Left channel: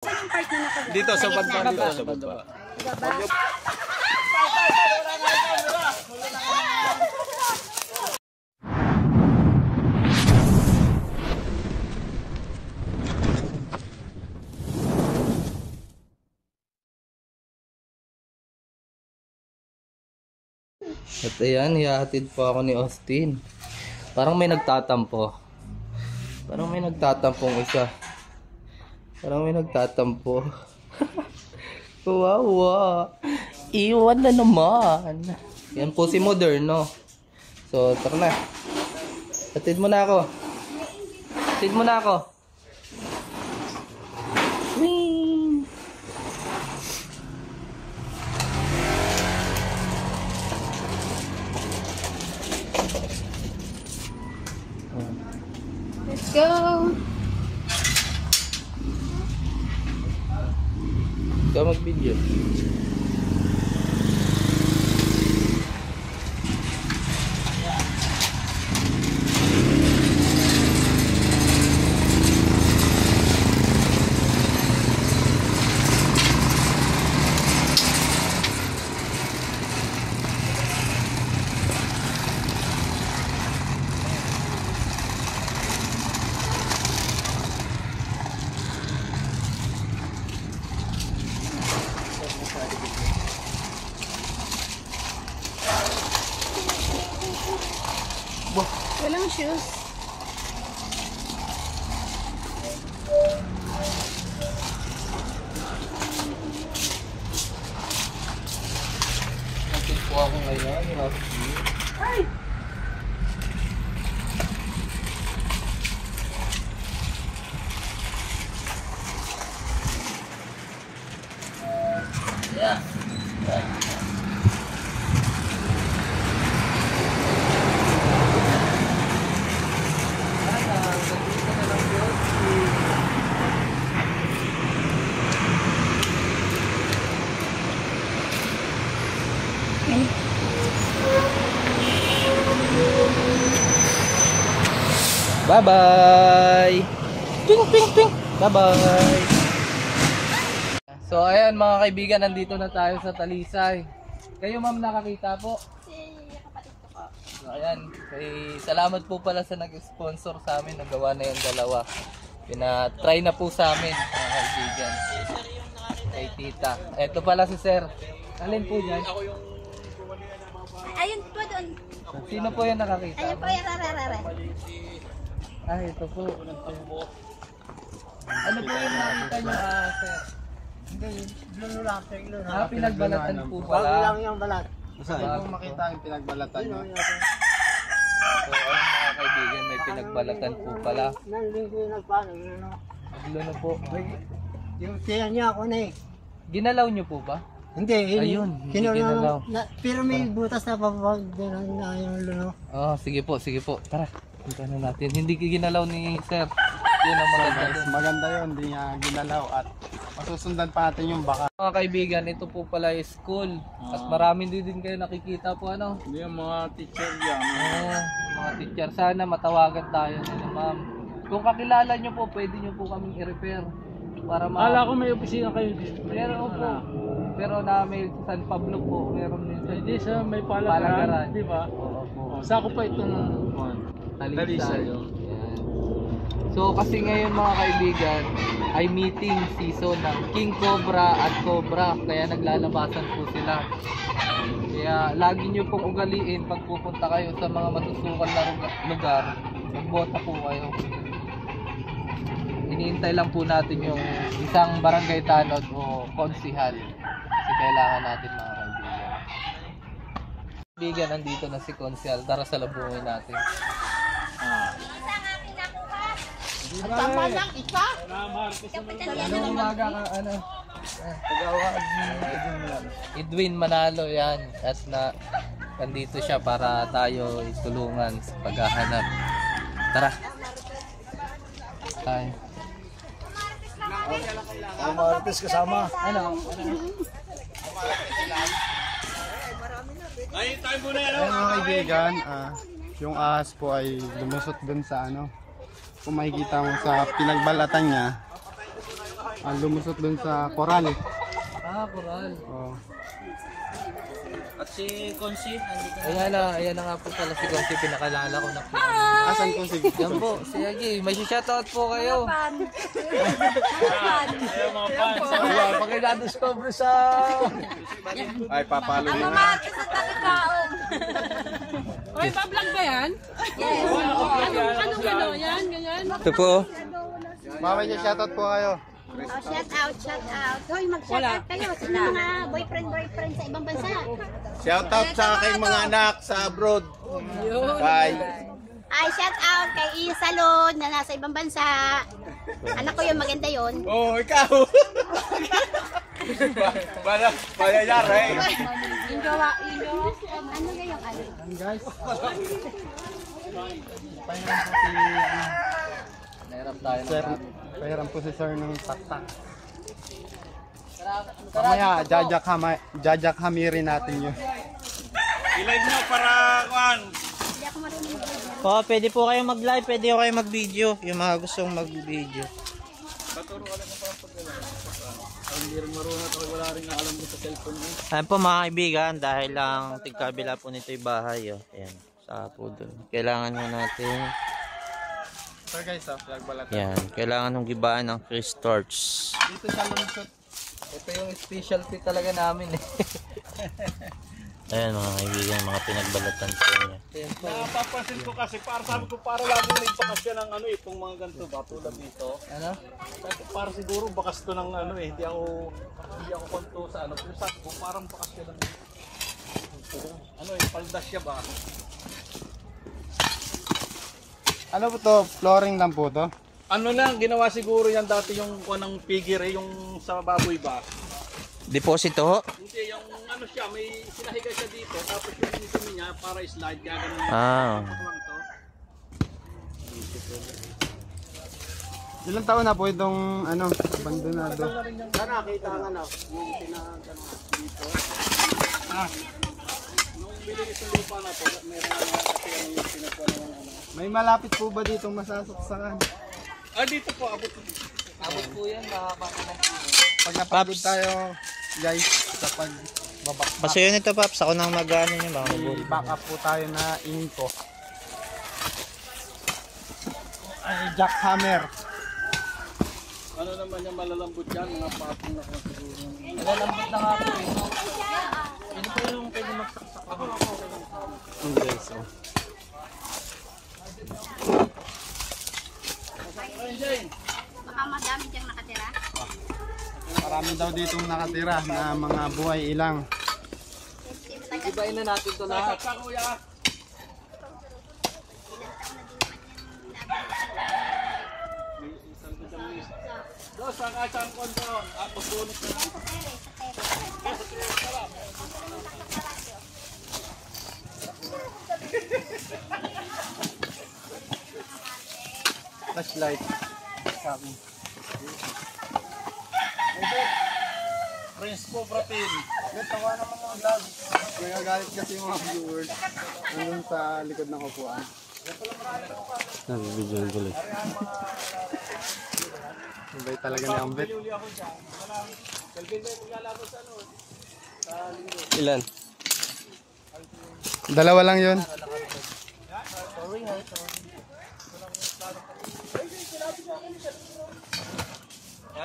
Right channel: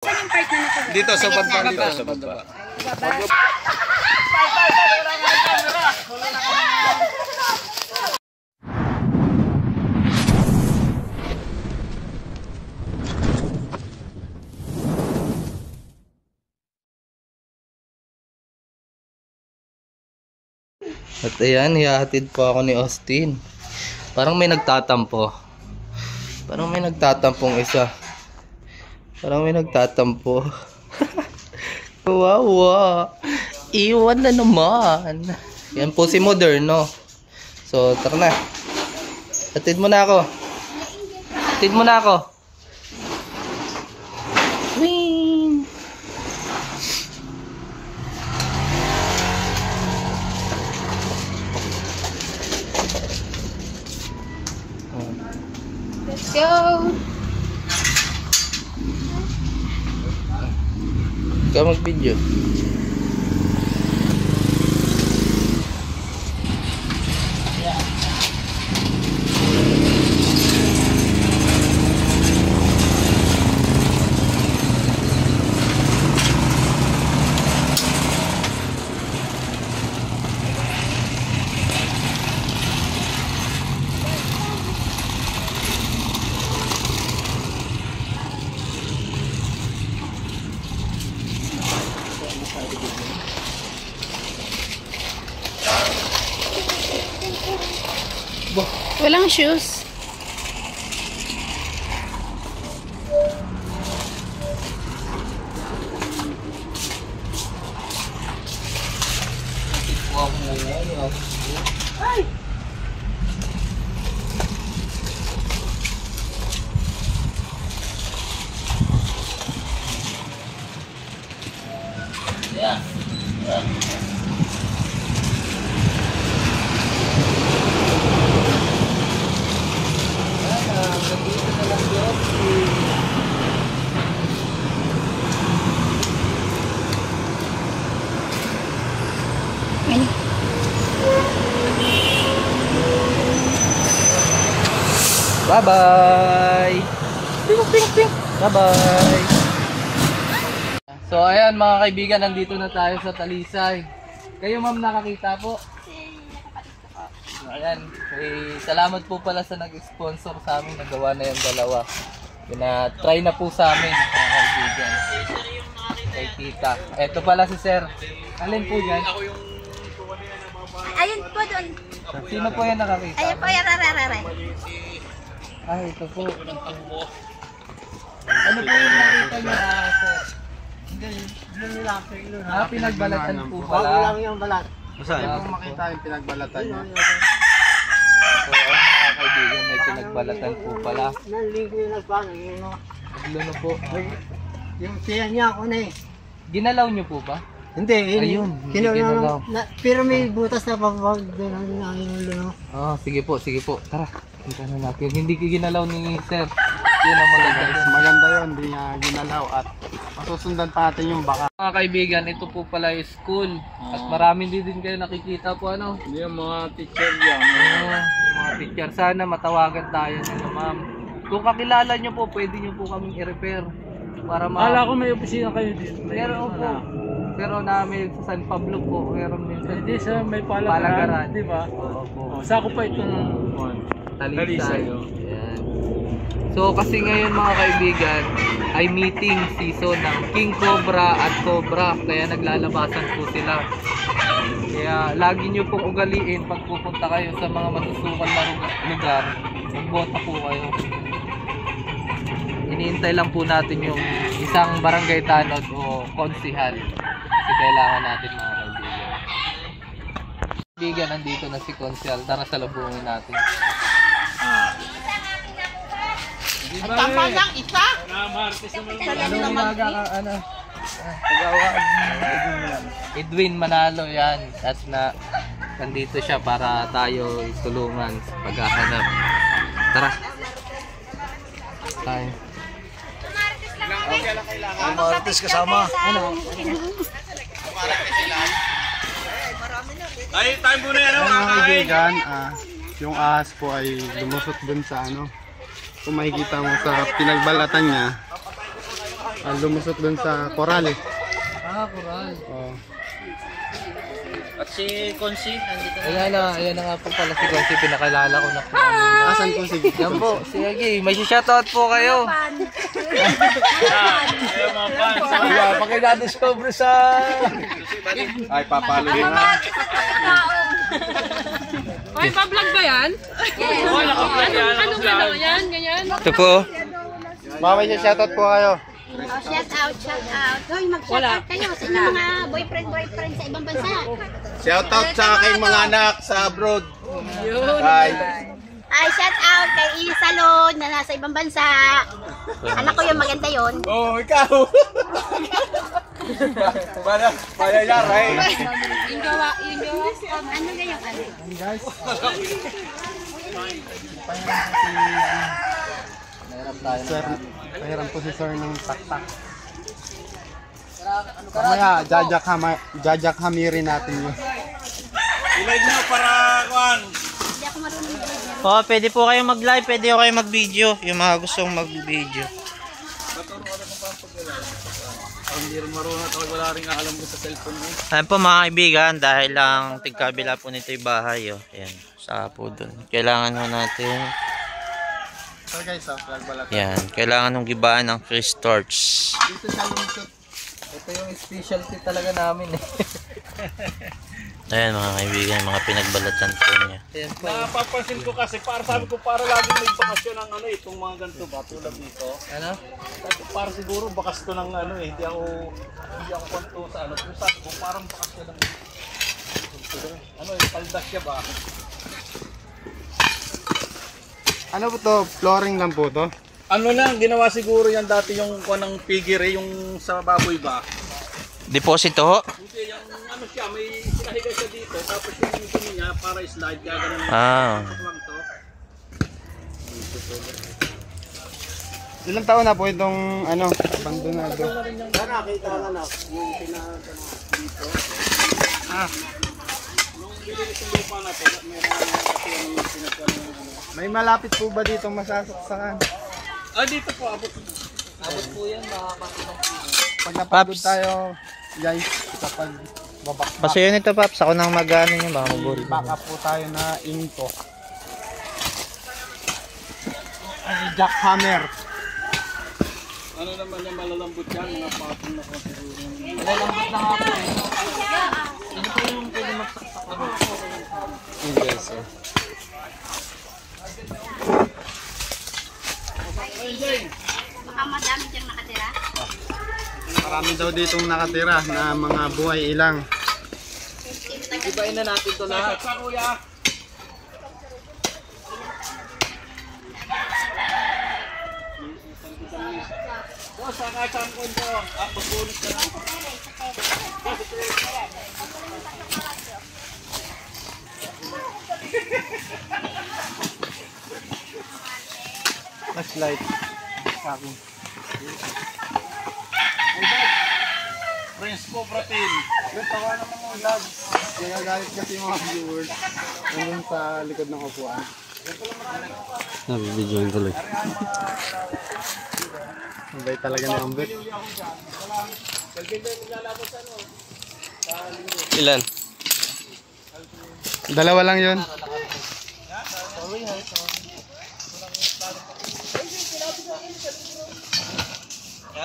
Saan yung part na nakuha? Dito sa baba. Dito sa baba. At ayan, hihahatid po ako ni Austin. Parang may nagtatampo. Parang may nagtatampong isa. Parang may nagtatampo. Kawawa. Iwan na naman. Yan po si Moderno. So, tara na. Hatid mo na ako. Hatid mo na ako. Wing. Let's go! Ikaw mag-video. Walang shoes. Hatid po ako ngayon. Ay! Yeah. Yeah. Ay. Bye-bye! Bye-bye! So ayan mga kaibigan, nandito na tayo sa Talisay. Kayo ma'am nakakita po? Ayan, salamat po pala sa nag-sponsor sa amin. Nagawa na yung dalawa. Pina-try na po sa amin mga kaibigan. Kay tita. Eto pala si sir. Alin po yan? Ayun po doon. Sino po yan nakakita? Ayun po yan, rararara. Ay, ito po. Ano po yung nakita nyo sir? Pinagbalatan po pala. Bago lang yung balat. Saan? Kung makita yung pinagbalatan niya. So, ayun mga kaibigan, may pinagbalatan po pala. Nandito yung nagpano, yun o. Nagluno po. Yung tiyan niya ako na eh. Ginalaw nyo po ba? Hindi, Ayun, hindi ginalaw. Pero may butas na papapag doon ang yung luno. Oh, sige po. Tara, punta na natin. Hindi ginalaw ni sir. Yun ang maganda. Maganda yun, hindi niya ginalaw at masusundan pa natin yung baka. Mga kaibigan, ito po pala yung school. At marami din kayo nakikita po ano. Hindi yung mga teacher yan. Yung mga teacher. Sana matawagan tayo nila ma'am. Kung kakilala nyo po, pwede nyo po kaming i-repair. Para Akala ko may opisina kayo dito. Meron po. Pero namin sa San Pablo po, meron din sa Hindi sa may palagaran, di ba? Oo po. Sako pa itong Talisay. Ayan. So kasi ngayon mga kaibigan ay meeting season ng King Cobra at Cobra, kaya naglalabasan po sila. Kaya lagi nyo pong ugaliin pag pupunta kayo sa mga masusukal na lugar, magbota po kayo. Iniintay lang po natin yung isang barangay tanod o konsihal kasi kailangan natin mga kaibigan. Kaibigan, nandito na si konsihal. Tara salubungin natin. Ang tama lang, isa? Ano umaga ka, ano? Pagawag Edwin Manalo yan. At na nandito siya para tayo tulungan sa paghahanap. Tara. Tayo. Ang mga artist kasama. Ano? Ay, time muna yan. Mga kaibigan, yung ahas po ay lumusot dun sa ano. Kung makikita mo sa pinagbalatan niya, lumusot dun sa koral. Ah, Coral. Oh. At si Consi, nandito na. Ayan na nga po pala si Gonsi, pinakalala ko na po. Asan po si Yan po, si Agi, may shoutout po kayo. Pakina-discover sa... Ay, papalo din na. Ay, pa-vlog ba yan? Yes. Ano yan? Ganyan? Ito po. Mama, shoutout po kayo. Oh, shout out, shout out. Hoy, mag-shout out kayo sa inyong mga boyfriend sa ibang bansa. Shoutout sa aking mga anak sa abroad. Bye. Ay, shout out kay Isalon na nasa ibang bansa. Anak ko yung maganda yon. Oh, ikaw. Para yara eh. Yung gawa. Ano gayong ano? Guys. Pahiram po si Sir ng taktak. Kamaya, jajakhamirin natin yun. Ilay nyo para kuhan. Hindi ako marunong mag-video. Oh, pwede po kayong mag-live, pwede po kayong mag-video. Yung mga gustong mag-video. Hindi rin marunong at wala rin alam ko sa cellphone mo. Ayan po mga kaibigan, dahil lang tigkabila po nito yung bahay. Oh. Ayan, sa po dun. Kailangan ho natin, So guys, flag balat. yan, kailangan hong gibaan ng Chris Torch. Dito sa lunsot. Ito yung specialty talaga namin. Ayan mga kaibigan, mga pinagbalatan po niya. Ayan po. Napapansin ko kasi para sabi ko para lagi may bakasyon ng ano itong mga ganito ba tulad dito. Ano? Para siguro bakas to ng ano hindi ako konto sa ano pero sabi ko parang bakasyon ng ano paldas siya ba? Ano po to? Flooring lang po to? Ano lang ginawa siguro yan dati yung ng piggery yung sa baboy ba? Deposito ho? Hindi yung ano siya may sinahiga siya dito tapos yung dumi niya para slide gagawin ng Ah. to. Ilang taon na po itong ano, abandonado? Nung bilinis yung lupa na to, meron kasi yung sinasabi ng ano. May malapit po ba dito masasaksakan? Ah, dito po abot. Abot po yan, makakapagod po. Pag napagod tayo, guys, sa pagbabak. Pasuyo nito Paps, ako nang mag-ano nyo, baka mabuli. Back up po tayo na inko. Ay, jackhammer. Ano naman yung malalambot yan, mga patong na kung siguro. Malalambot na nga po eh. Sino po yung pwede magsaksak na po? Yun guys, oh. Baka madami diyang nakatira. Marami daw ditong nakatira na mga buhay ilang. Ibain na natin ito lahat. Sa kuya. Dos, sakasang konto. Pagbulit na. Flashlight. Sa akin. Prince po, Pratin. Tawa naman mga vlog. Nagagalit kasi yung mga viewers. Nandun sa likod ng upuan. Nabibidyoin tuloy. Mabay talaga ni Ambet. Ilan? Dalawa lang yun.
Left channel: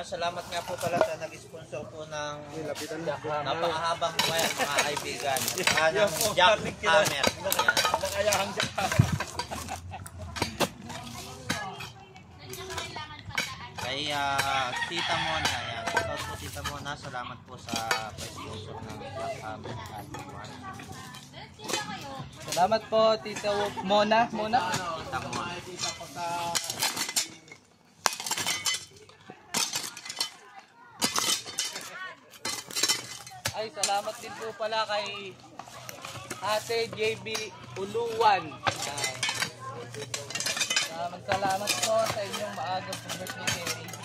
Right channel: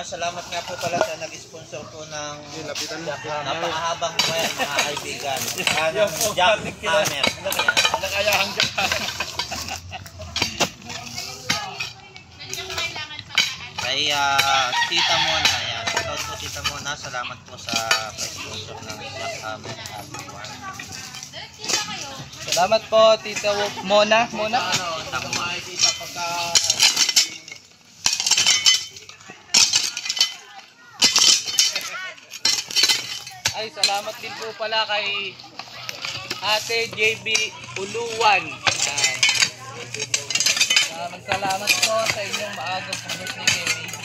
Salamat nga po pala sa nag-sponsor po ng napakahabang buhay mga kaibigan. Jackhammer. Nakayahan ka. Kay Tita Mona. Yan. Shoutout po Tita Mona. Salamat po sa sponsor ng Jackhammer. Salamat po, Tita Mona. Mona? Makikita pagka Ay, salamat din po pala kay Ate JB Uluwan. Yan. Salamat po sa inyong maagang birthday kay Baby.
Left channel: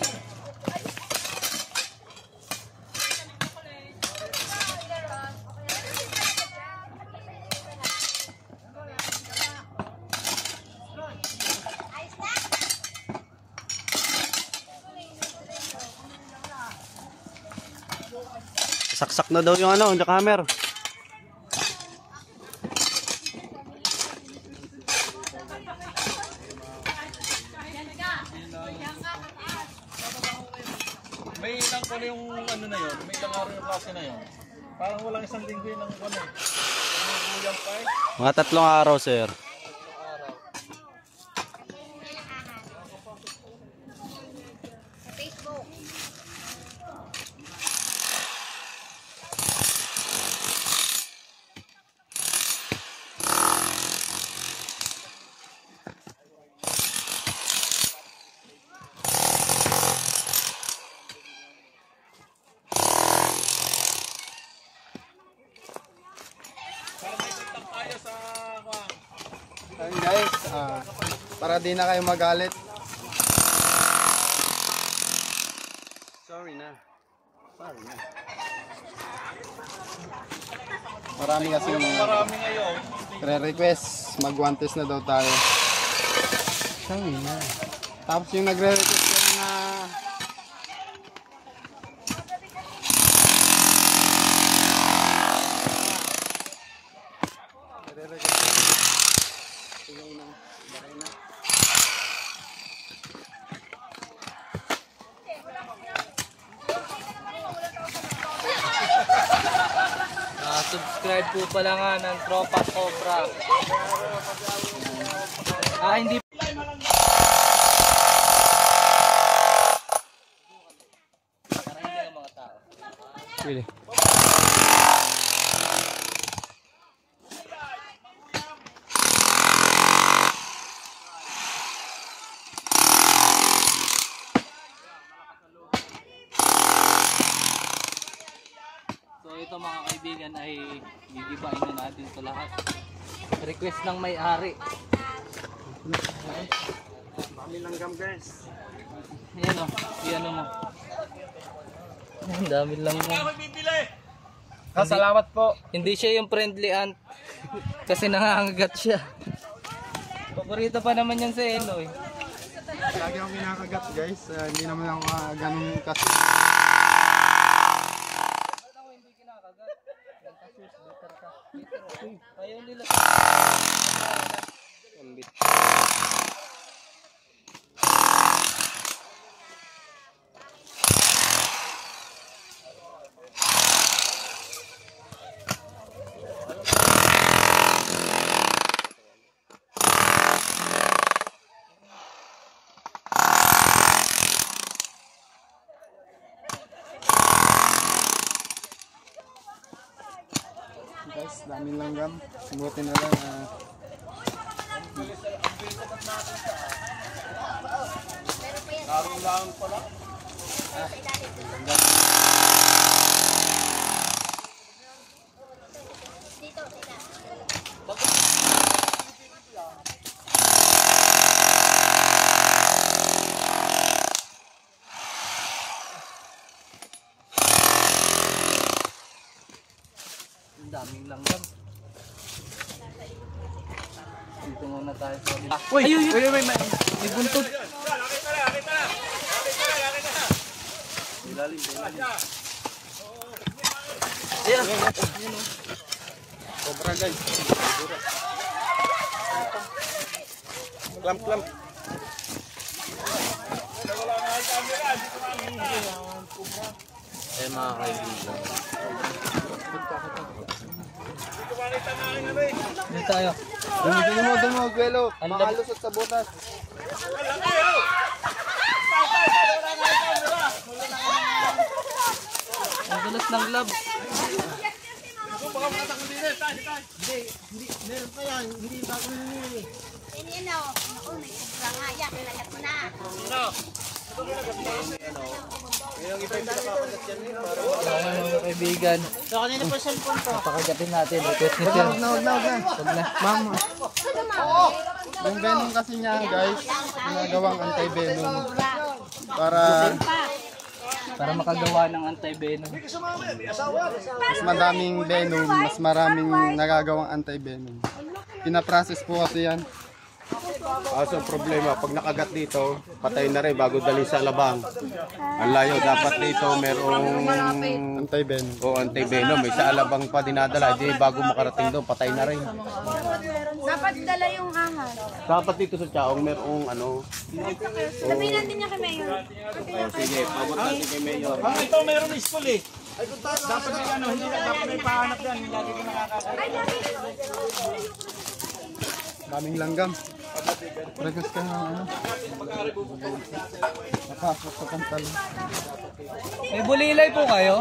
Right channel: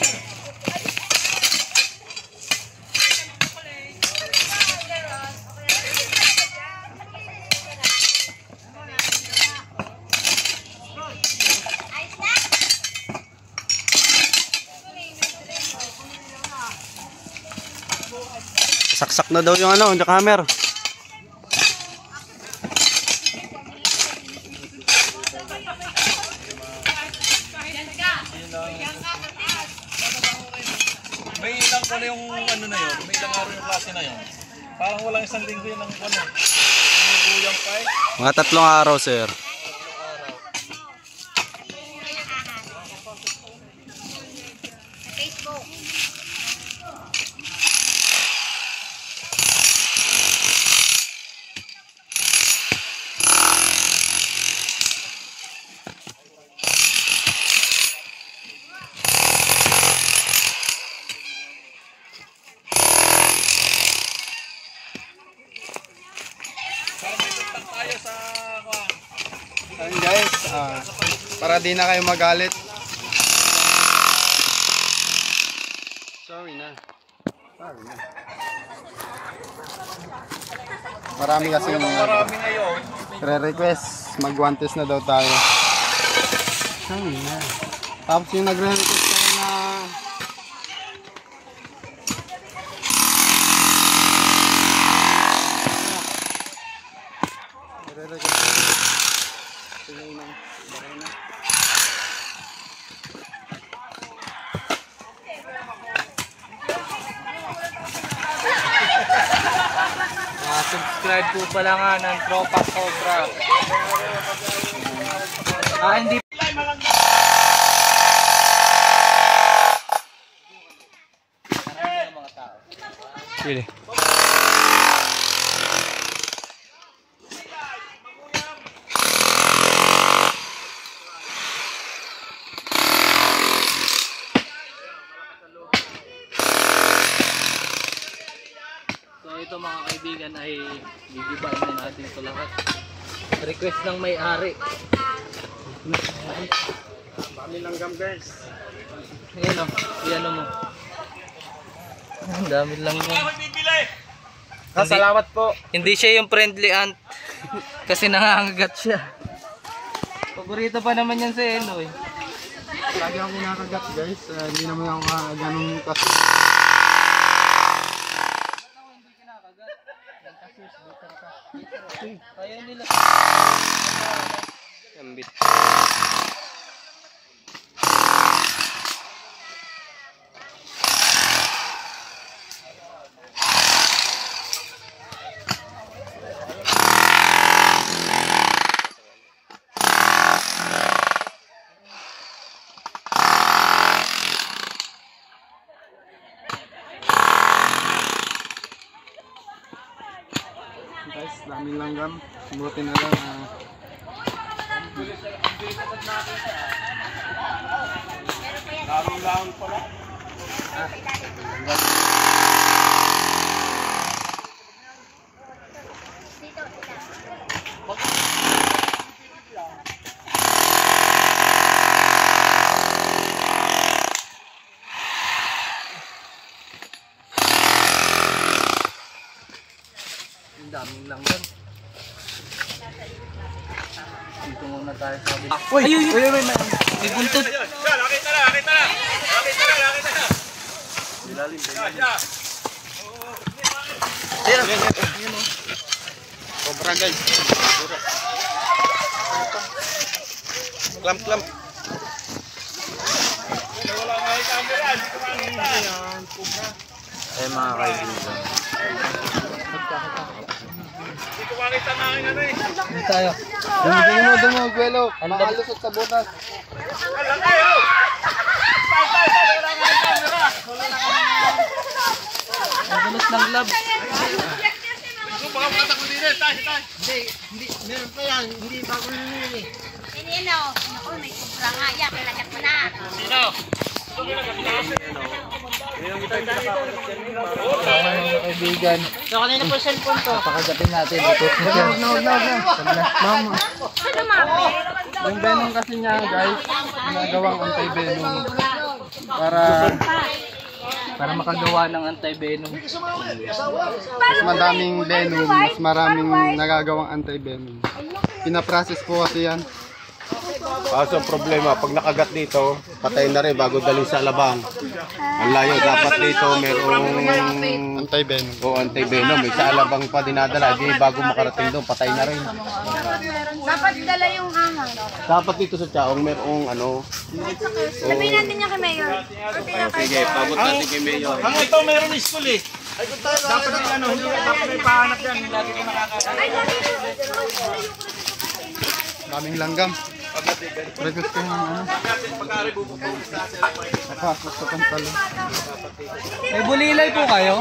Nasaksak na daw yung ano, yung hammer. May ilang ko na yung ano na yun, may ilang araw yung klase na yun. Parang walang isang linggo yun ng ano. Ang guyang kay. Mga 3 araw, sir. Facebook. Ayun guys, para di na kayo magalit. Sorry na. Marami kasi re-request, mag-1 na daw tayo. Sorry na. Tapos yung nagre-request ko na Subscribe po pala nga ng Tropa Cobra. Hindi. Pili. So ito mga kaibigan ay gigibain na natin ito lahat. Request ng may-ari. Dami langgam guys. Ayun o, iyan mo. Ang dami lang yan. Salamat po. Hindi siya yung friendly ant. Kasi nangangagat siya. Paborito pa naman yan sa Eno eh. Lagi akong kinakagat guys. Hindi naman ako ganun kasi. Ayaw nila. Ambit. Guys, daming langgam. Buti na lang. Larong-larong pala. Ang daming lang yan. Dito muna tayo sa kabila. Uy! Uy! May buntot. Cobra guys. Clamp. Ay mga kaibigan. Dito tayo. Dumo, Gwelo. Makalusot sa butas. Ang dulos ng lab. Sinino? Ako, may sobra nga. Yan, kailangan mo na. Mga kaibigan. So, kanina po cellphone to? Napakagatin natin. Itos mo Huwag siya. na. Mama. Ano, mami? Yung venom kasi niya guys, ginagawang anti-venom. Para makagawa ng anti-venom. Mas madaming venom, mas maraming nagagawang anti-venom. Pinaprocess po kasi yan. Kaso ang problema, pag nakagat dito, patay na rin bago dalhin sa labang. Ang layo, dapat dito merong Anti-venom. o anti-venom. May sa alabang pa dinadala, di bago makarating doon, patay na rin. Dapat dala yung hangal. Dapat dito sa Chaong merong ano. Sabihin natin niya kay Mayor. Sige, pabot natin kay Mayor. Ang ito mayroon school eh. Dapat may ano, hindi dapat may pahanap yan. Lagi ka nakakasama. Daming langgam. Request ko yung ano. Nakakos sa pantalon. May bulilay po kayo?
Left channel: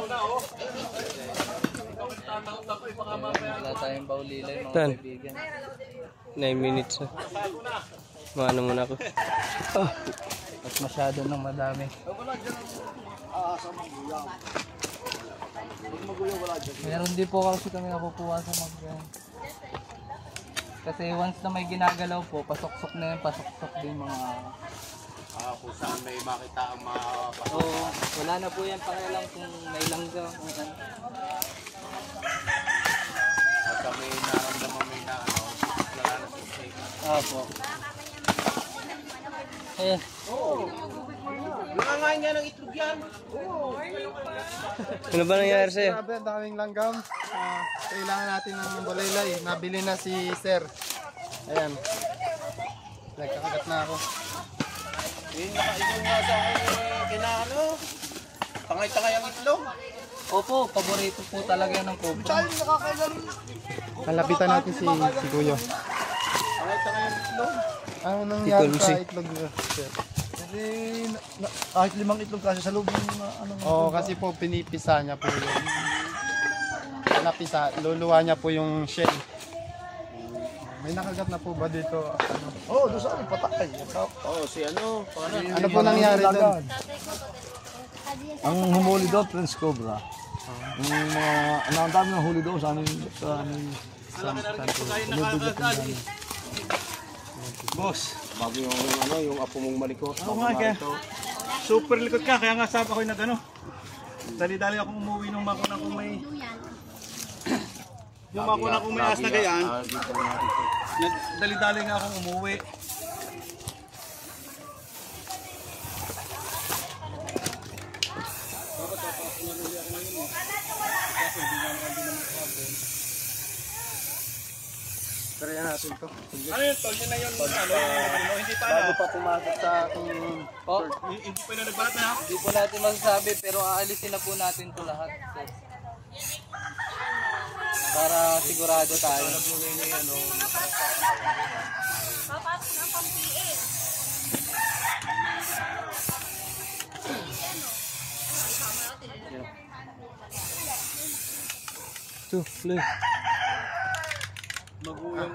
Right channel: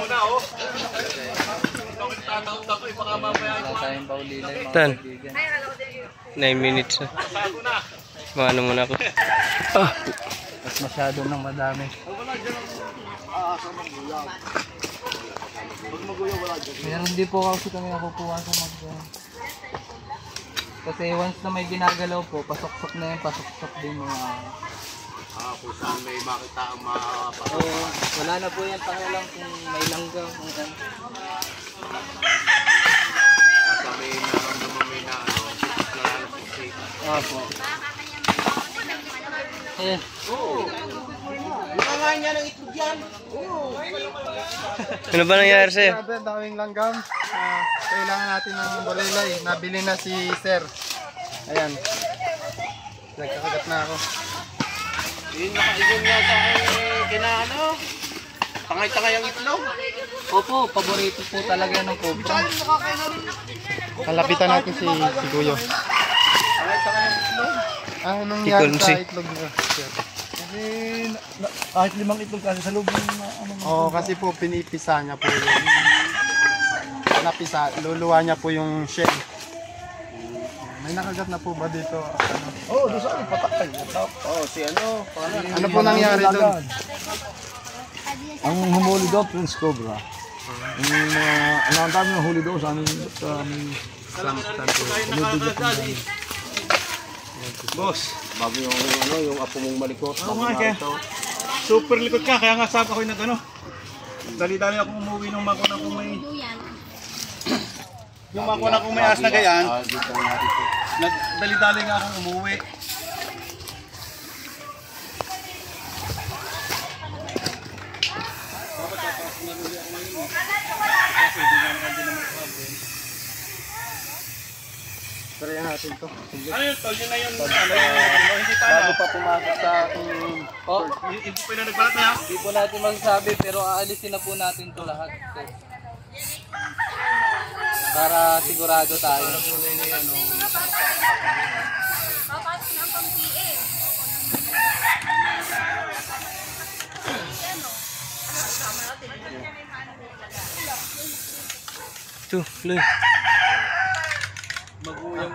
Wala tayong bulilay mga Tan. kaibigan. 9 minutes na. Maano muna ako. Mas masyado nang madami. Meron din po kasi kami nakukuha sa kasi once na may ginagalaw po, pasok-sok na yun, pasok-sok din mga... Kung saan may makita ang mapasok. Oo, wala na po yan, taka lang kung may langgam, kung ano. Sa may naramdaman may na ano, nalalasik. Opo. Eh. Ano ba nangyari sa'yo? Grabe, ang daming langgam. Kailangan natin ng balaylay. Nabili na si Sir. Ayan. Nagkakagat na ako. Yun nakaigong nga sa kinaano. Tangay-tangay ang itlog. Opo, paborito po talaga ng cobra. Kalapitan natin si Kuyo. Tangay-tangay ang itlog. Ano nangyari Ikonsi. sa itlog niya? Kasi kahit 5 itlog kasi sa loob ng ano. Oo, kasi po pinipisa niya po yung... Luluwa niya po yung shell. May nakagat na po ba dito? Oo, doon sa akin patay. Si ano? Ano po nangyari doon? Ang humuli doon, Prince Cobra. Yung mga, ang dami ng huli doon sa aming Boss, bago yung ano, yung apo mong malikot. Ano nga kaya? Super likod ka, kaya nga sabi ako yung nag-ano. Dali-dali akong umuwi nung makuna kung may... Yung makuna kung may as na gayan, dali-dali nga akong umuwi. Try natin to. Ano yun, tol? Yun na yun, hindi pa Bago pa pumasok sa ating... Oh, Hindi pa yung nagbalat na. hindi po natin masasabi pero aalisin na po natin to lahat. Para sigurado tayo. Tuh, Loy. Magulong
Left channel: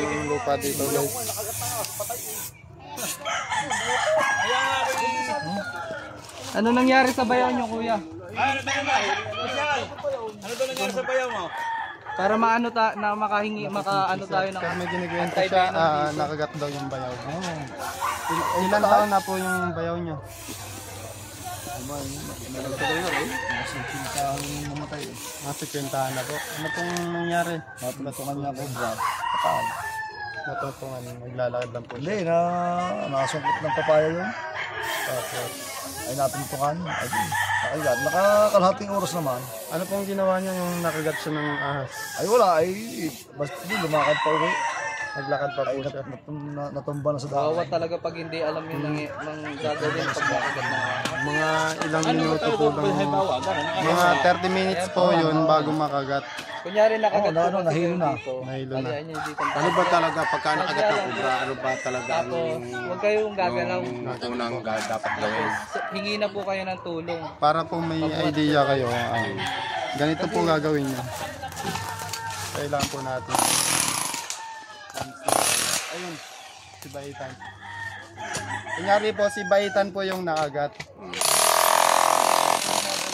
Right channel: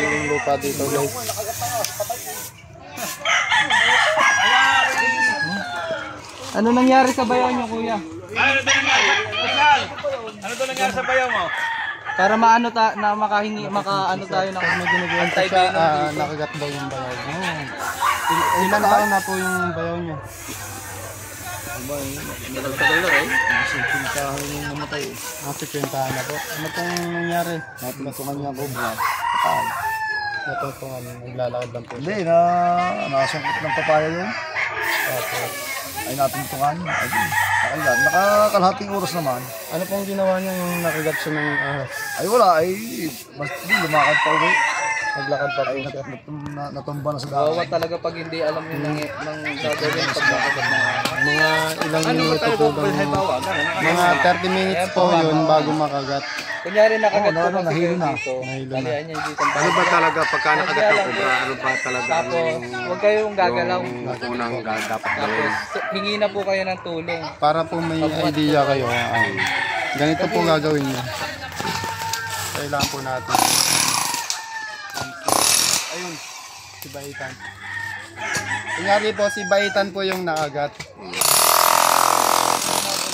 yung lupa dito guys. Ano nangyari sa bayaw nyo, kuya? Ano doon nangyari sa bayaw mo? Para maano na makahingi, makaano tayo ng Pag may ginuguwenta siya, nakagat daw yung bayaw. Ilan taon na po yung bayaw niya? Nakwentahan na po. Ano pong nangyari? Natutungan niya cobra. Kapal. Natutungan, naglalakad lang po siya. Hindi, nakasungkot ng papaya yun. Tapos, ay natutungan. Ay, nakailan. Nakakalahating oras naman. Ano pong ginawa niya yung nakagat siya ng ahas? Ay wala, ay basta lumakad pa uwi. Naglakad pa po Ay siya. natumba na sa Kawawa daan. talaga pag hindi alam yung ng gagawin pag nakagat na. Mga ilang minuto po lang. Mga 30 minutes po yun bago makagat. Kunyari nakagat Oo, ko nahilo na. dito. Nahilo na. Kaya niya dito. Ano ba talaga pagka nakagat ng cobra? Ano ba talaga Tapos, huwag kayong gagalaw. yung unang dapat gawin? Tapos, hingi na po kayo ng tulong. Para po may idea kayo. Ganito po gagawin niyo. Kailangan po natin. Ayun, si Baitan. Kunyari po, si Baitan po yung nakagat.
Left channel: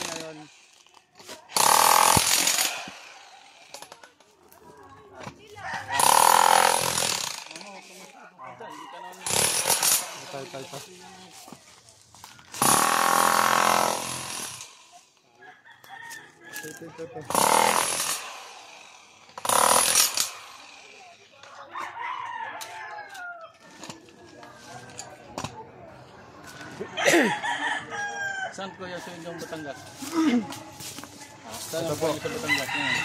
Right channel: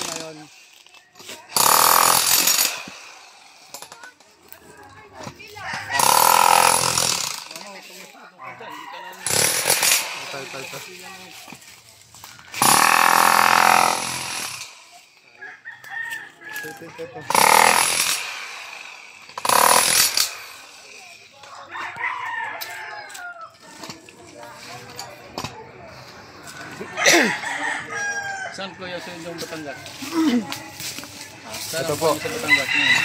Ngayon, ito. Saan ko yung sa inyong Batangas? Ito po. Sa Batangas ngayon.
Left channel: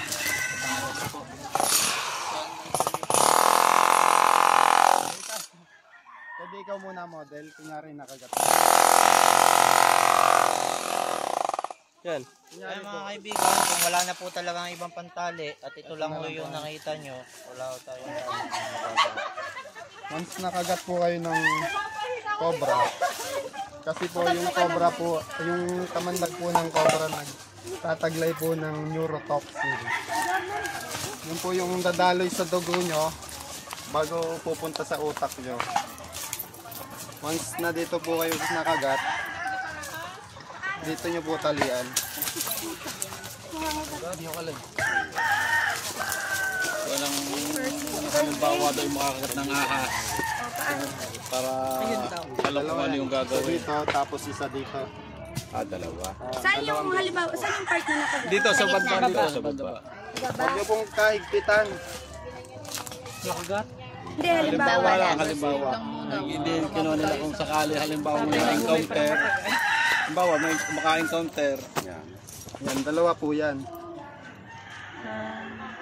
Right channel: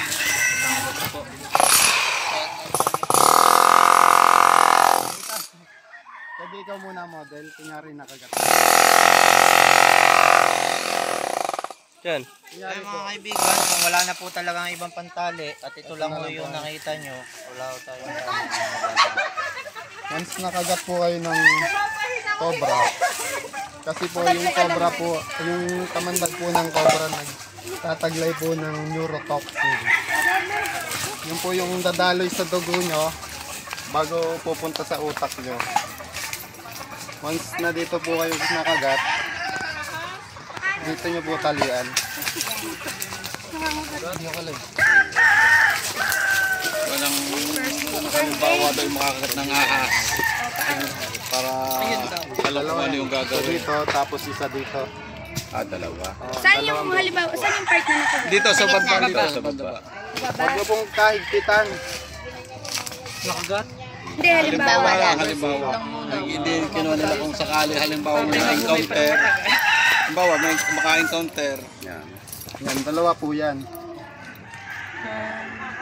Pwede ikaw muna model, kunyari nakagat. Yan. Kaya mga kaibigan, kung wala na po talagang ibang pantali at ito lang po yung nakita nyo, wala po tayong magagawa. Once nakagat po kayo ng cobra, kasi po yung cobra po, yung kamandag po ng cobra nagtataglay po ng neurotoxin. Yun po yung dadaloy sa dugo nyo bago pupunta sa utak nyo. Once na dito po kayo nakagat, dito nyo po talian. Walang bawa daw makakagat ng ahas. Para Dalawa ano yan. yung Isa gagawin. dito, tapos isa dito. Dalawa. Saan yung halimbawa, saan yung part na nakagat? Dito sa baba, dito sa baba. Huwag nyo pong kahigpitan. Hindi, halimbawa. Halimbawa, hindi kinuha nila kung sakali halimbawa may encounter. Halimbawa, may maka-encounter. Yan. Yan, dalawa po yan.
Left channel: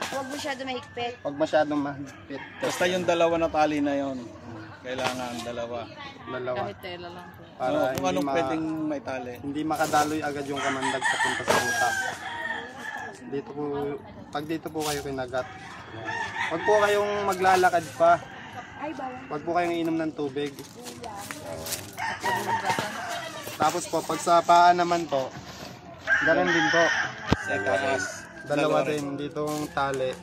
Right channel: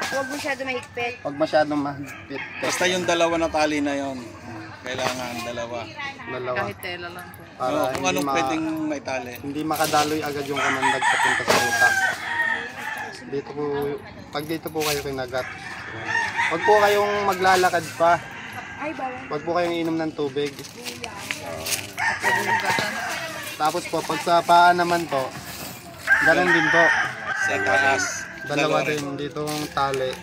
Huwag masyado mahigpit. Huwag masyadong mahigpit. Basta yung dalawa na tali na yon, kailangan dalawa. Dalawa. Kahit tela lang po. Para Kung hindi, anong pwedeng may tali. hindi makadaloy agad yung kamandag papunta sa utak. Dito po, pag dito po kayo kinagat. Huwag po kayong maglalakad pa. Huwag po kayong inom ng tubig. Tapos po, pag sa paa naman po, ganun din po. Sa taas. Dalawa din ditong tali.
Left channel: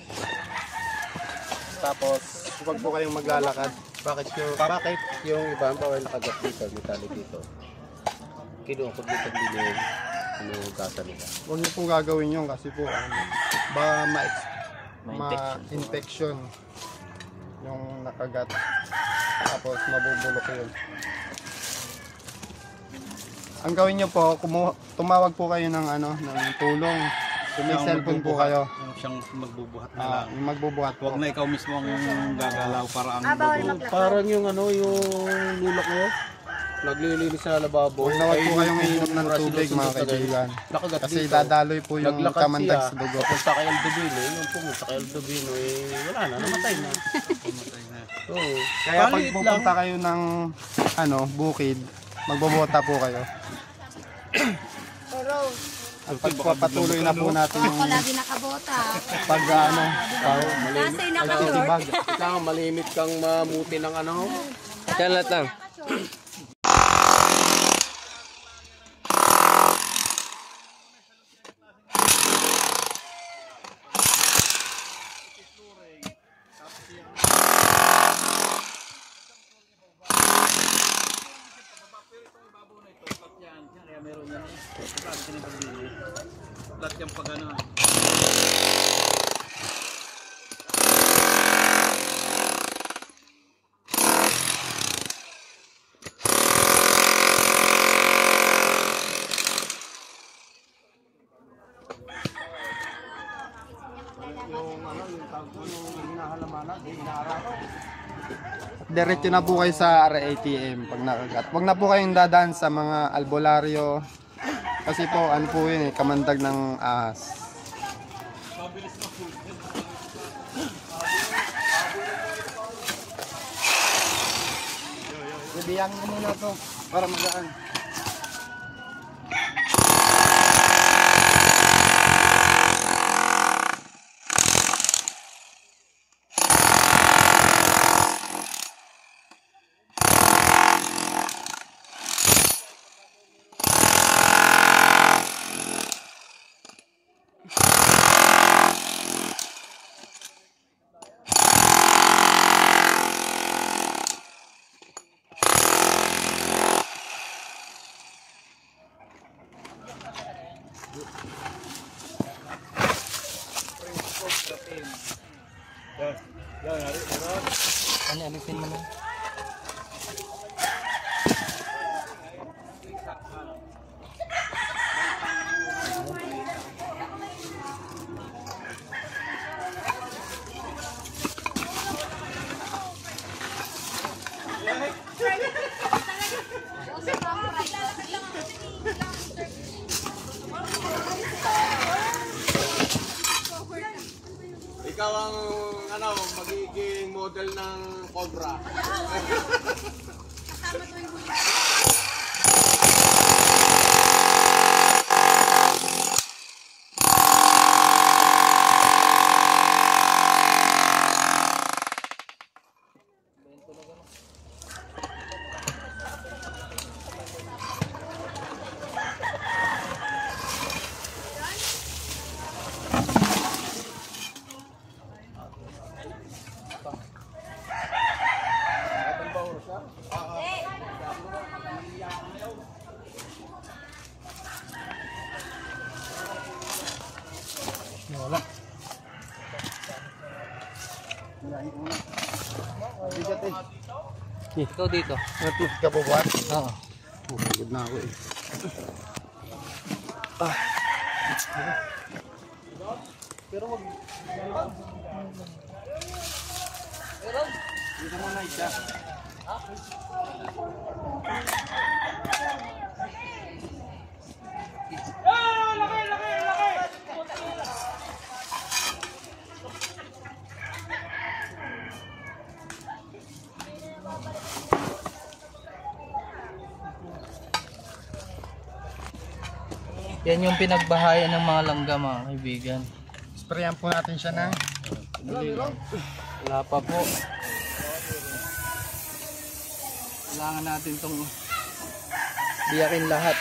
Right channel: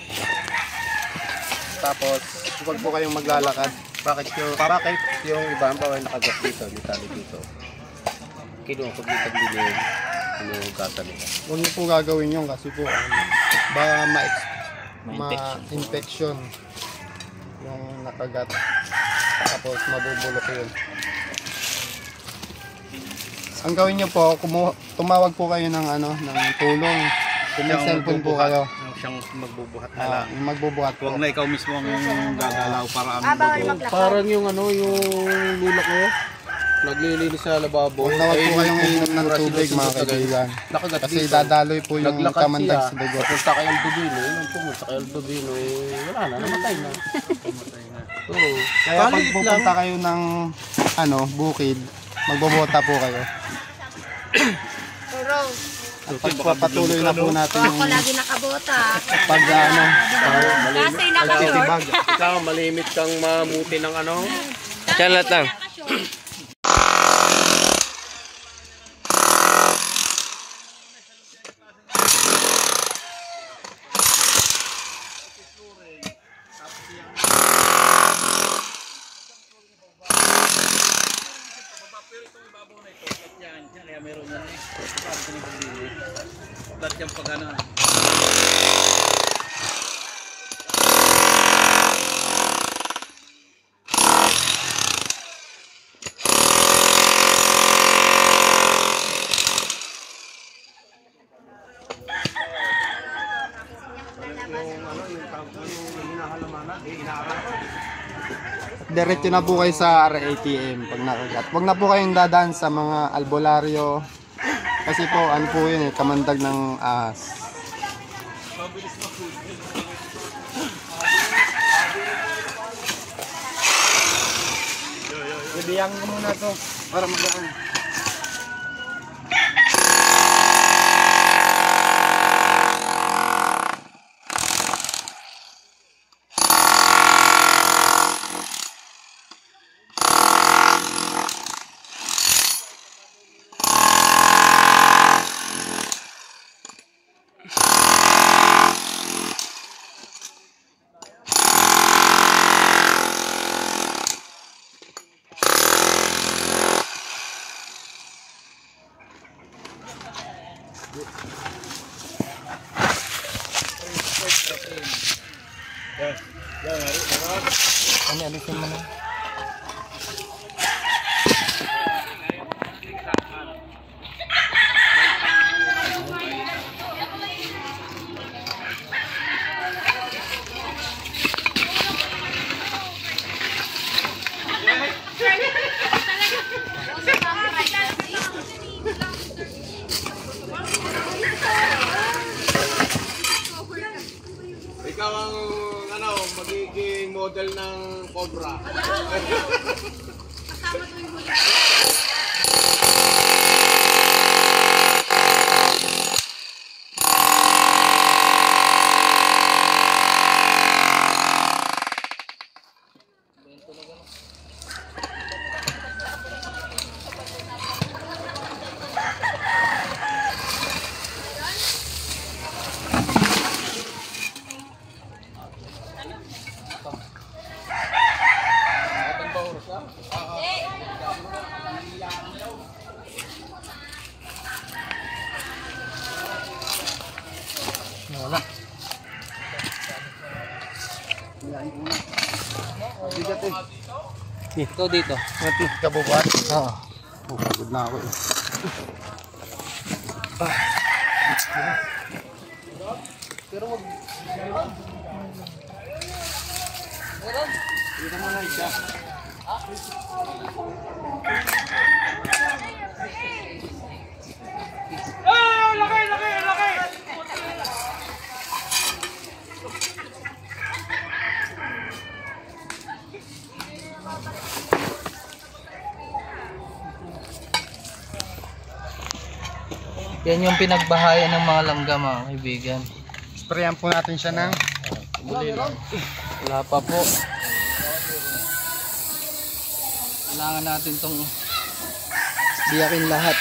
Tapos, huwag po kayong maglalakad. Bakit yung iba ang bawal nakagat dito, may tali dito? Kinukod dito din yung gasa nila. Huwag niyo po gagawin yun kasi po baka ma-infection yung nakagat. Tapos mabubulok yun. Ang gawin niyo po, tumawag po kayo ng ng tulong. Kung may cellphone po kayo, Siyang magbubuhat na lang. yung magbubuhat po. Huwag na ikaw mismo ang gagalaw para ang dugo. Parang yung yung lula ko, naglilinis sa lababo. Huwag na huwag po kayong inom ng tubig mga kaibigan. Nakagat Kasi dito. dadaloy po yung Naglakad kamandag siya. sa dugo. Punta kay Aldovino, yung pumunta kay Aldovino, wala na, namatay na. Oo. Kaya pag pupunta kayo ng bukid, magbobota po kayo. At pagpapatuloy na po natin yung Lagi nakabota. pag Kasi naka-short. pagtitibag. Kailangan malimit kang mamuti ng Yan lahat lang. Kaya meron yan eh. Lahat yung pag-ano. Diretso na po kayo sa RATM pag nakagat. Huwag na po kayong dadaan sa mga albularyo. Kasi po, ano po yun kamandag ng ahas. Bibiyang ko muna to para magaan. magiging model ng Cobra. Wala. Bigat eh. Ito dito. Matut ka bubuhat? Oo. Pagod na ako eh. Pero wag. Dito mo na isa. Yan yung pinagbahayan ng mga langga mga kaibigan. Sprayan po natin siya ng Wala pa po. Kailangan natin tong biyakin lahat.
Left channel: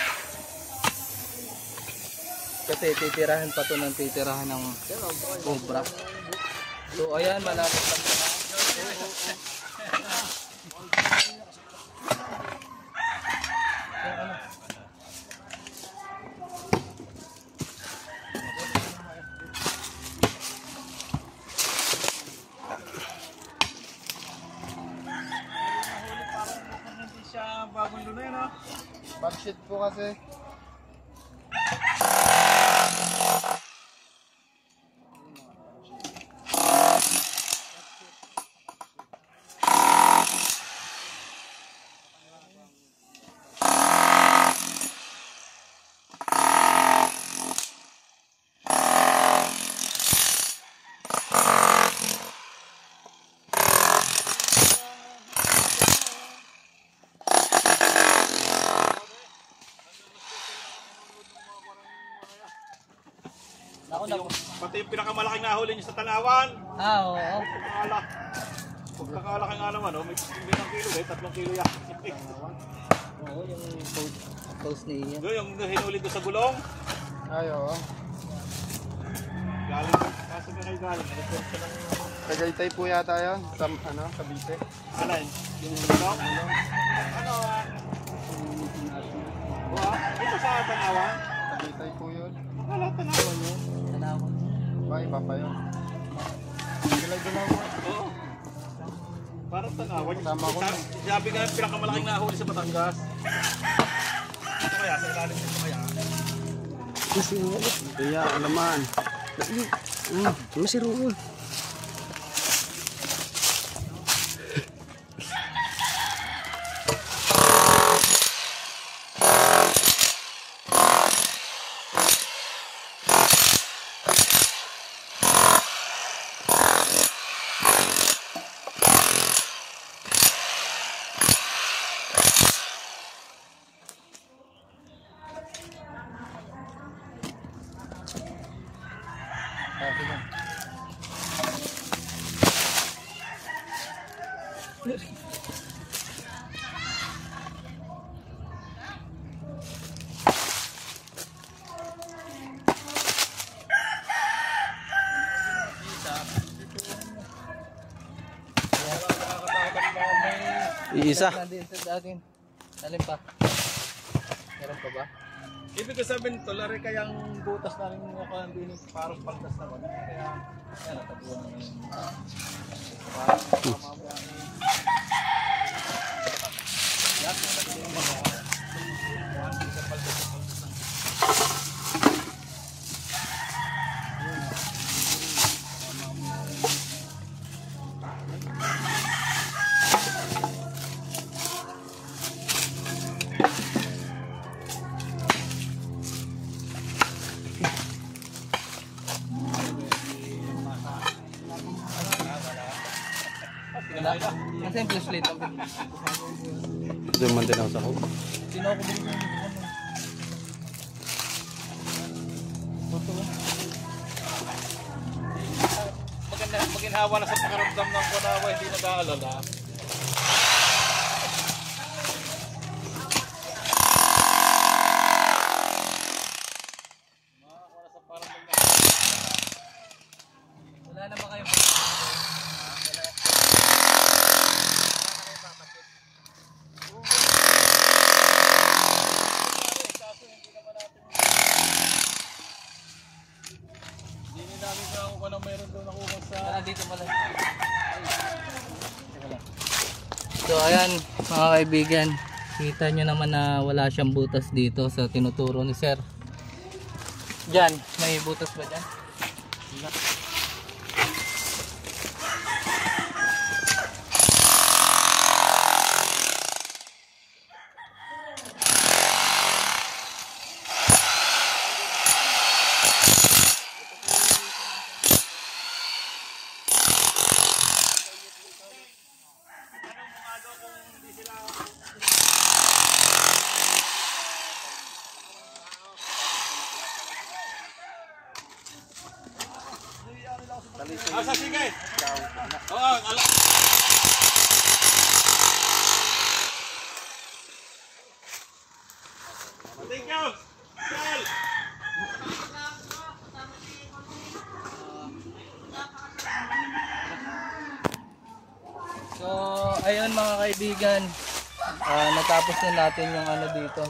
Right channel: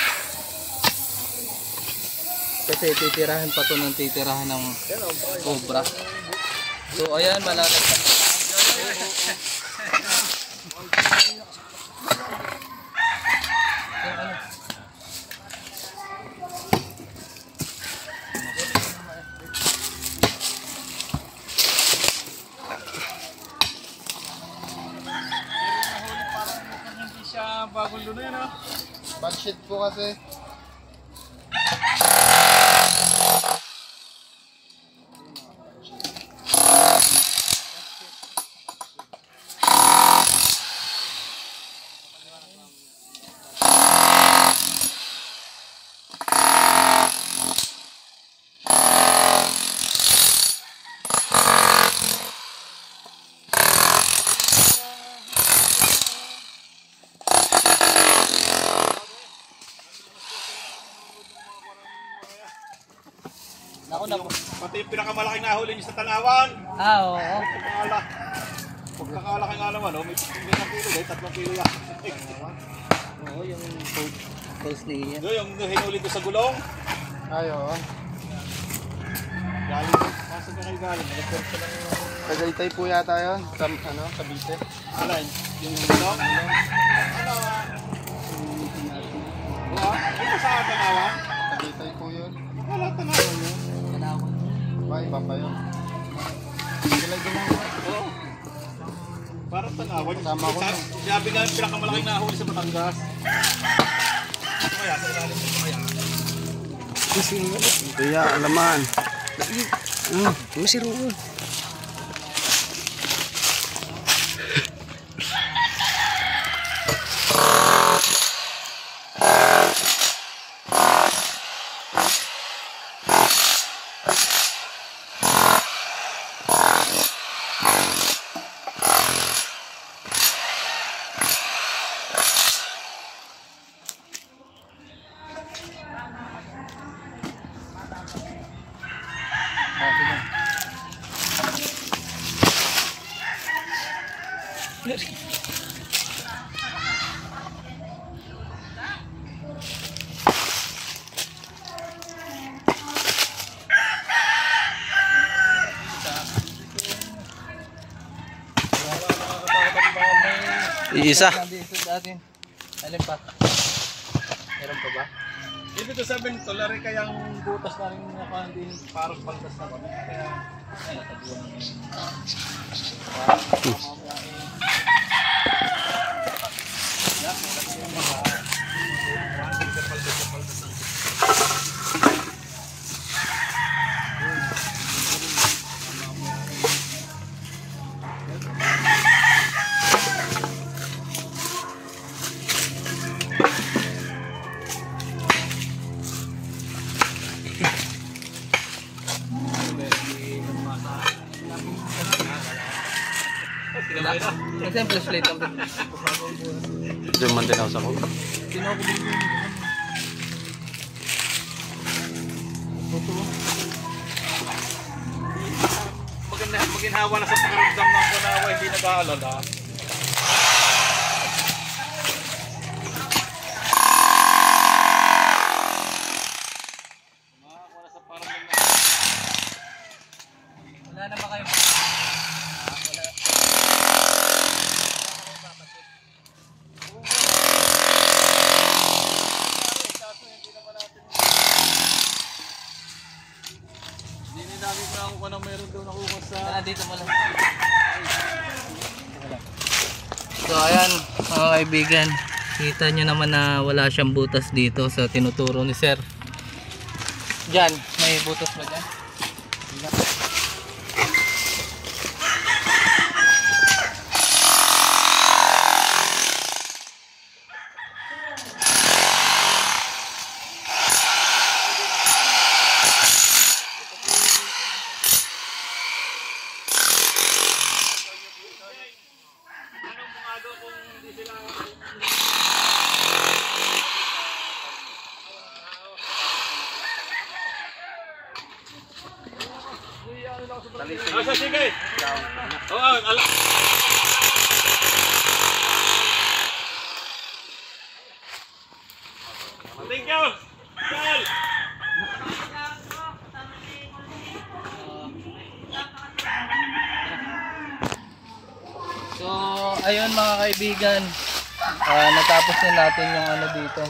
Kasi titirahan pa to ng titirahan ng Cobra. So ayan, malalagyan. Bagong luno yun, ha? backsheet po kasi. Pati yung pinakamalaking ahuli niyo sa Tanawan. Oo. Pagkakalaki nga naman, may 1 kilo, 3 kilo yan. Oo, yung post na iyan. Yung hinuli ko sa gulong. Ay, oo. Galing, kasi na kayo galing. Tagaytay po yata yun. Sa, Cavite. Alin? Yung gulong? Ito sa Tanawan? Tagaytay po yun. Wala, Tanawan yun. Ba, iba pa yun. Sila gumawa. Oo. Parang Tanawan. Kasama ko nun. Sabi nga yung pinakamalaking nahuli sa Batangas. Kaya, sa ilalim mo kaya. Kaya, alaman. Masiro. Iisa. Alin pa? Meron pa ba? Ibig ko sabihin, tolari kayang butas na rin ako hindi parang paldas na kami. Kaya, ay, natabuan na yun. wala. Kasi yung flashlight lang. Diyan man din ako sa ko. Sino ako din yun? Maginhawa na sa pakiramdam ng kunawa, hindi nag-aalala. Wala naman kayo. Hindi namin kung ano meron doon ako sa... Dito mo lang. So ayan mga kaibigan, kita nyo naman na wala siyang butas dito sa tinuturo ni sir. Diyan, may butas ba dyan? Asa, sige! Oo, ala... Thank you! Charles! So ayun mga kaibigan, natapos na natin yung ano dito,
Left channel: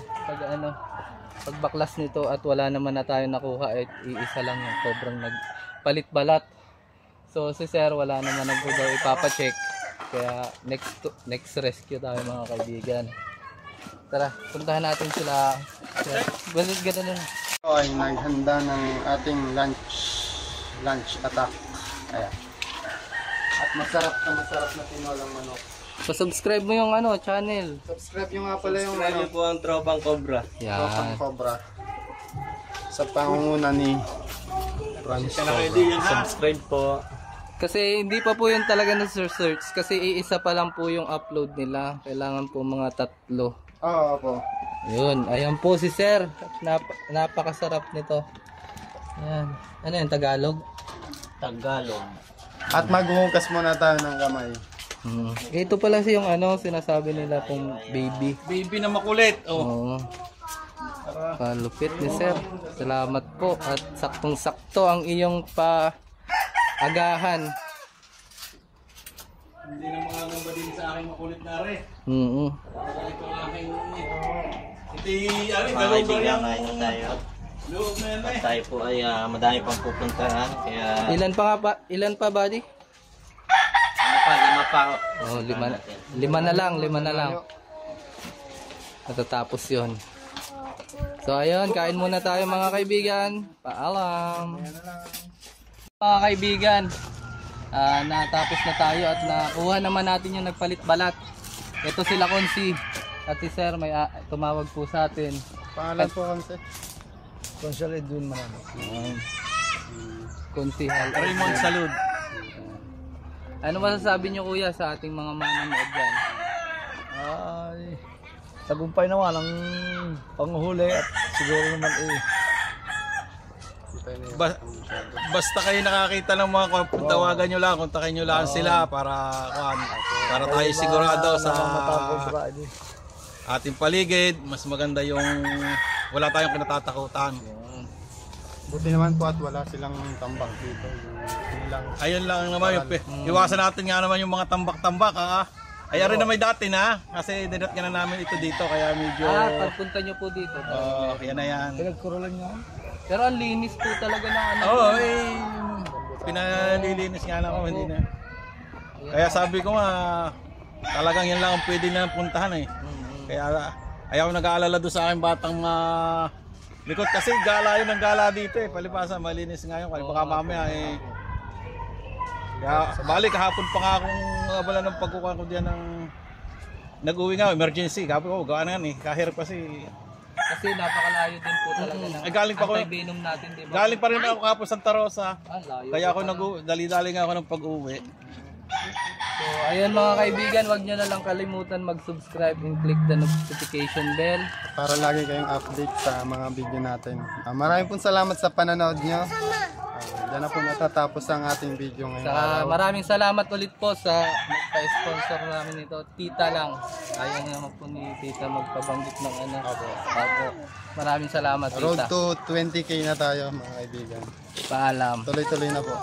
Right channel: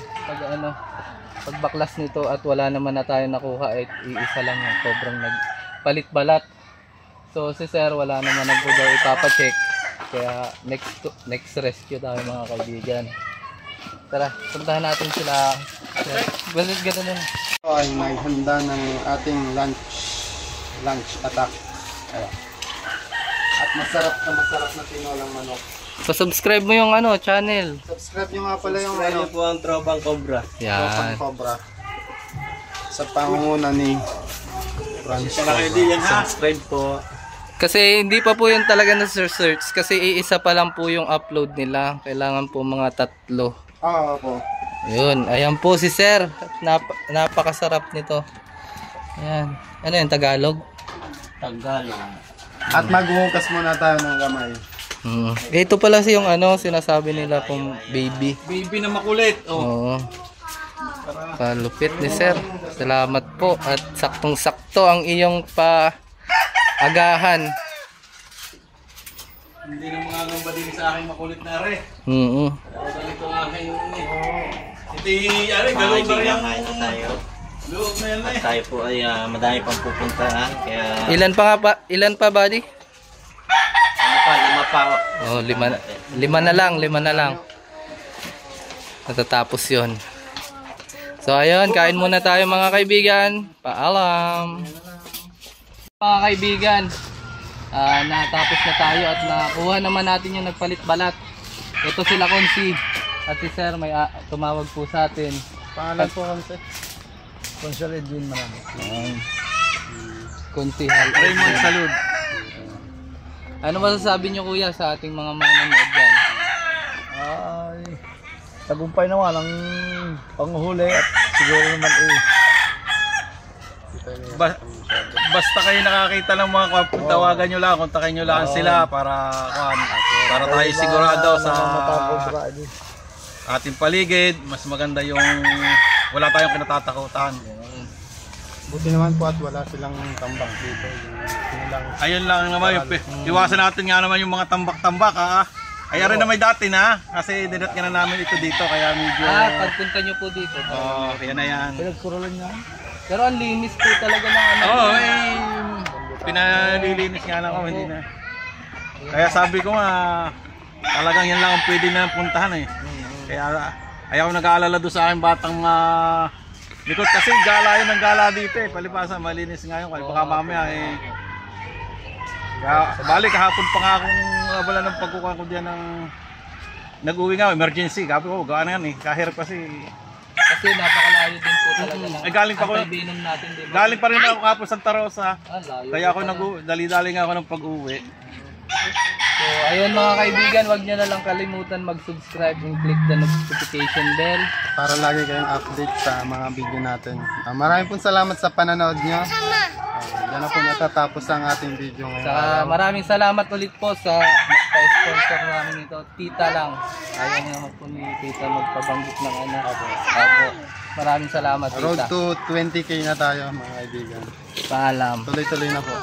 pagbaklas nito at wala naman na tayo nakuha at iisa lang yung sobrang nagpalit balat. So si sir wala naman daw ipapacheck, kaya next rescue tayo mga kaibigan. Tara, puntahan natin sila. Balit gano'n na. Ito ay naghanda ng ating lunch attack. Ayan. At masarap na tinolang manok. Pa-subscribe mo yung channel. Subscribe nyo nga pala yung po ang Tropang Cobra. Tropang Yan. Cobra. Sa pangunguna ni Franz Cobra. Subscribe po. Kasi hindi pa po yun talaga na search kasi iisa pa lang po yung upload nila. Kailangan po mga 3. Oo po. Yun, ayan po si sir. Napakasarap nito. Ayan. Ano yung Tagalog? Tagalog. At maghuhugas muna tayo ng kamay. Ito pala yung sinasabi nila pong baby. Baby na makulit. Oo. Kalupit ni sir. Salamat po at saktong-sakto ang iyong paagahan. Hindi na mga ngamba din sa akin makulit na rin. Ito ang aking galong na rin. Kain na tayo. Loob na yan At tayo po ay madami pang pupuntahan. Kaya Ilan pa buddy? lima pa. Oh, lima na lang. Natatapos 'yon. So ayun, kain muna tayo mga kaibigan. Paalam. Mga kaibigan, natapos na tayo at nakuha naman natin yung nagpalit balat. Ito sila Konsi. At si sir may tumawag po sa atin. Pangalan po Konsi? Consul Edwin Marami. Konsi Raymond Salud. Ano masasabi niyo kuya sa ating mga manonood dyan? Ay, tagumpay naman ang panguhuli at siguro naman Basta kayo nakakita ng mga tawagan nyo lang, kontakin nyo lang sila para tayo sigurado sa ating paligid. Mas maganda yung wala tayong kinatatakutan. Buti naman po at wala silang tambak dito. Ayun lang naman, iwasan natin nga naman yung mga tambak-tambak Ay rin naman dati na, kasi dinat ka na namin ito dito, kaya medyo... Pagpunta nyo po dito. Yan na yan. pinagkurulan niya. Pero ang linis po talaga ng pinalilinis nga lang ako, hindi na. Kaya sabi ko nga, talagang yan lang ang pwede na puntahan Kaya ayaw nag-aalala doon sa aking batang likod kasi gala yun ang gala dito palibasa malinis nga yun, baka mamaya kaya balik kahapon pa nga akong abala ng pagkukuha ko diyan ng nag-uwi nga, emergency, sabi ko gawa na yan kahirap kasi napakalayo din po talaga ng galing pa ako, antivenom natin, diba? galing pa rin ako kapos Santa Rosa, layo kaya ako dali-dali nga ako ng pag-uwi. So, ayun mga kaibigan, wag nyo na lang kalimutan mag-subscribe and click the notification bell. Para lagi kayong update sa mga video natin. Maraming pong salamat sa pananood nyo. Yan na po natatapos ang ating video ngayon. Saka maraming salamat ulit po sa magpa-sponsor namin ito. Tita lang. Ayaw niya naman po ni Tita magpabanggit ng anak. Opo. Maraming salamat, Tita. Road to 20k na tayo mga kaibigan. Paalam. Tuloy-tuloy na po.